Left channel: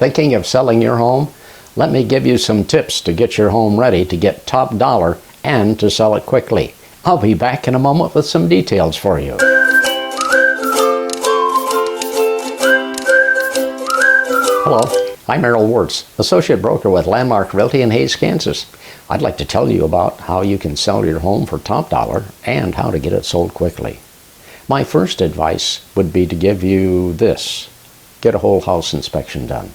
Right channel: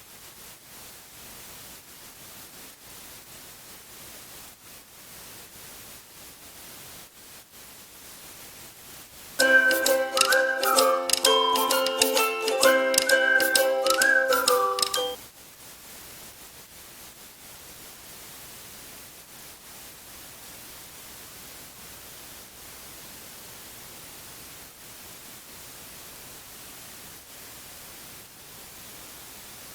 Thinking of selling your home? Let me give you some tips to get your home ready to get top dollar and to sell it quickly. I'll be back in a moment with some details for you. Hello, I'm Errol Wirtz, Associate Broker with Landmark Realty in Hays, Kansas. I'd like to tell you about how you can sell your home for top dollar and how to get it sold quickly. My first advice would be to give you this. Get a whole house inspection done.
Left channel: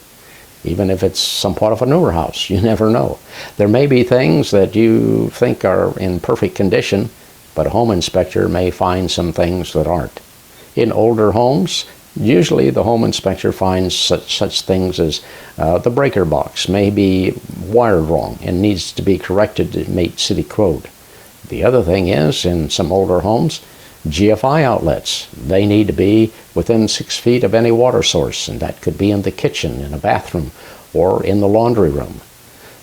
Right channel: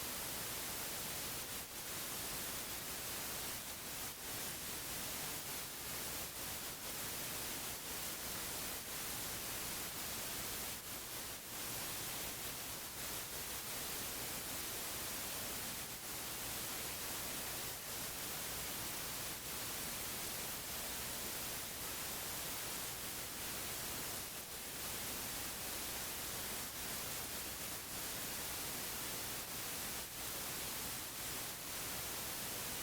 Even if it's somewhat of a newer house, you never know. There may be things that you think are in perfect condition, but a home inspector may find some things that aren't. In older homes, usually the home inspector finds such things as the breaker box may be wired wrong and needs to be corrected to meet city code. The other thing is, in some older homes, GFI outlets. They need to be within 6 feet of any water source, and that could be in the kitchen, in a bathroom, or in the laundry room.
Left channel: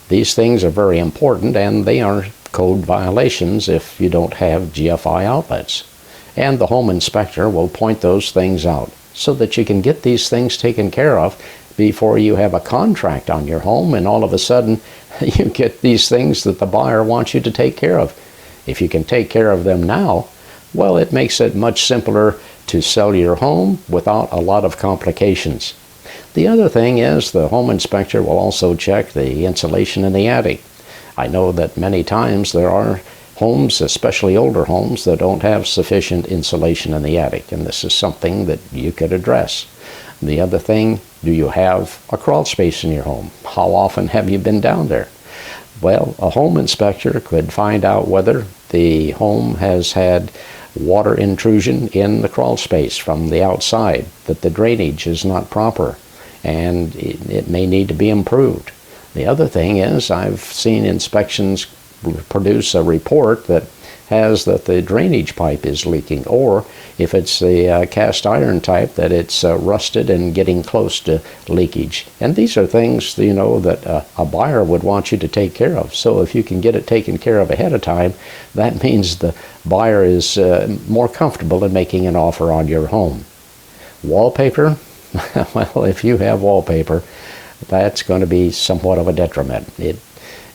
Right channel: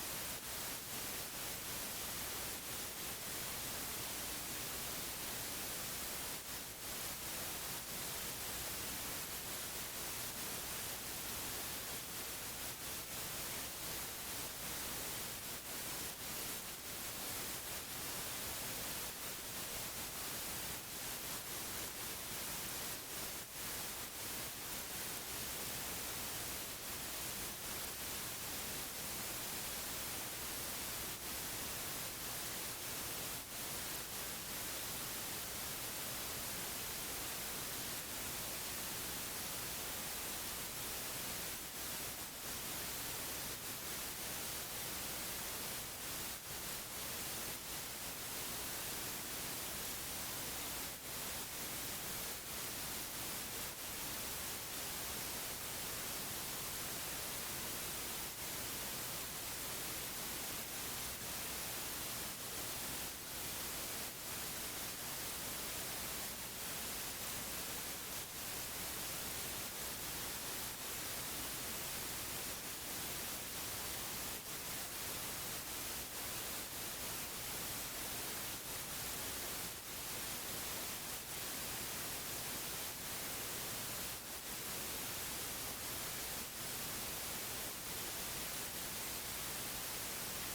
These things are very important, and they are code violations if you don't have GFI outlets. And the home inspector will point those things out so that you can get these things taken care of before you have a contract on your home and all of a sudden you get these things that the buyer wants you to take care of. If you can take care of them now, well, it makes it much simpler to sell your home without a lot of complications. The other thing is the home inspector will also check the insulation in the attic. I know that many times there are homes, especially older homes, that don't have sufficient insulation in the attic, and this is something that you could address. The other thing, do you have a crawl space in your home? How often have you been down there? Well, a home inspector could find out whether the home has had water intrusion in the crawl space from the outside, that the drainage is not proper, and it may need to be improved. The other thing is I've seen inspections produce a report that has that the drainage pipe is leaking, or if it's the cast iron type, that it's rusted and getting close to leakage. And these are things, you know, that a buyer would want you to take care of. So if you can get it taken care of ahead of time, that means the buyer is more comfortable in making an offer on your home. Wallpaper? Well, if you have wallpaper, that's going to be somewhat of a detriment.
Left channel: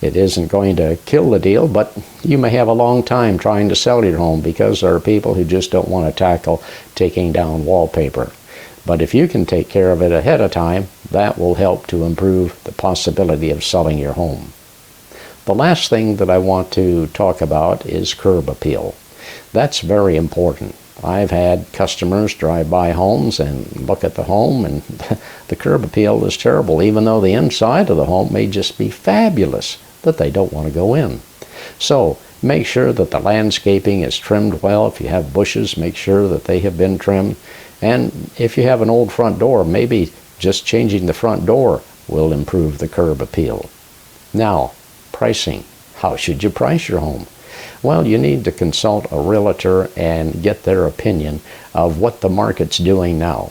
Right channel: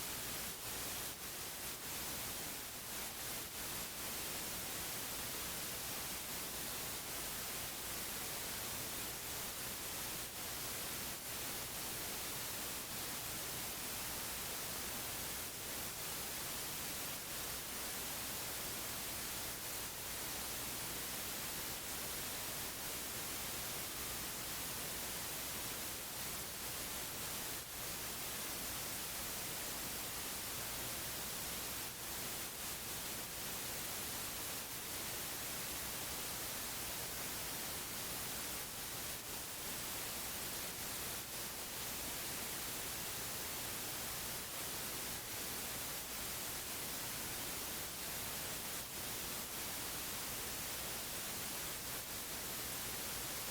It isn't going to kill the deal, but you may have a long time trying to sell your home because there are people who just don't want to tackle taking down wallpaper. But if you can take care of it ahead of time, that will help to improve the possibility of selling your home. The last thing that I want to talk about is curb appeal. That's very important. I've had customers drive by homes and look at the home, and the curb appeal is terrible, even though the inside of the home may just be fabulous, but they don't want to go in. So make sure that the landscaping is trimmed well. If you have bushes, make sure that they have been trimmed. And if you have an old front door, maybe just changing the front door will improve the curb appeal. Now, pricing. How should you price your home? Well, you need to consult a realtor and get their opinion of what the market's doing now.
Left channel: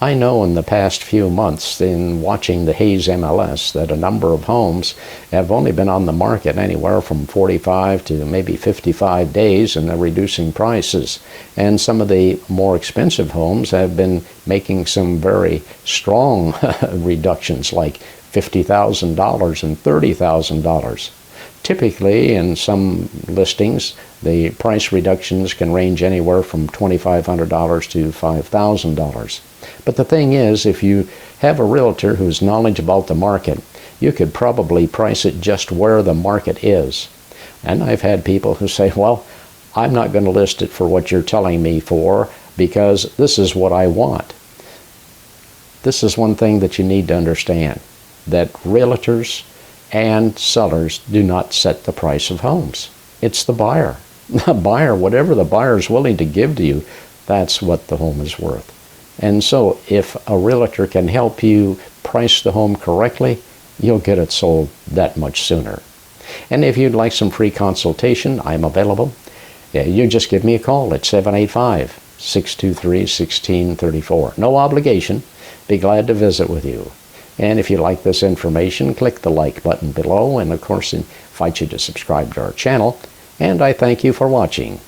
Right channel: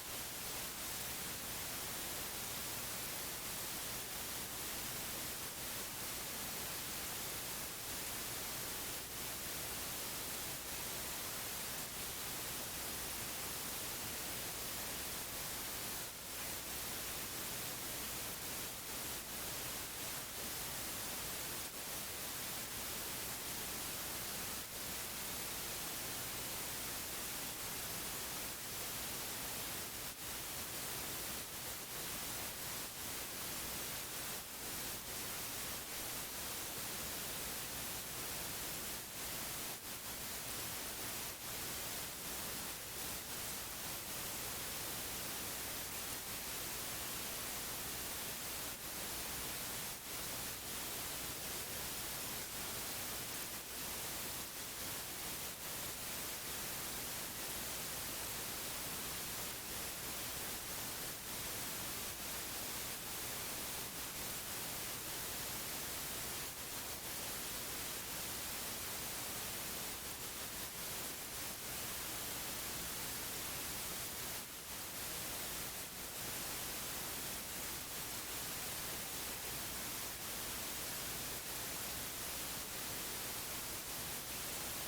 I know in the past few months, in watching the Hays MLS, that a number of homes have only been on the market anywhere from 45 to maybe 55 days, and they're reducing prices. And some of the more expensive homes have been making some very strong reductions, like $50,000 and $30,000. Typically, in some listings, the price reductions can range anywhere from $2,500 to $5,000. But the thing is, if you have a realtor who's knowledgeable about the market, you could probably price it just where the market is. And I've had people who say, well, I'm not going to list it for what you're telling me for because this is what I want. This is one thing that you need to understand, that realtors and sellers do not set the price of homes. It's the buyer. The buyer, whatever the buyer is willing to give to you, that's what the home is worth. And so if a realtor can help you price the home correctly, you'll get it sold that much sooner. And if you'd like some free consultation, I'm available. You just give me a call at 785-623-1634. No obligation. Be glad to visit with you. And if you like this information, click the like button below, and of course invite you to subscribe to our channel. And I thank you for watching.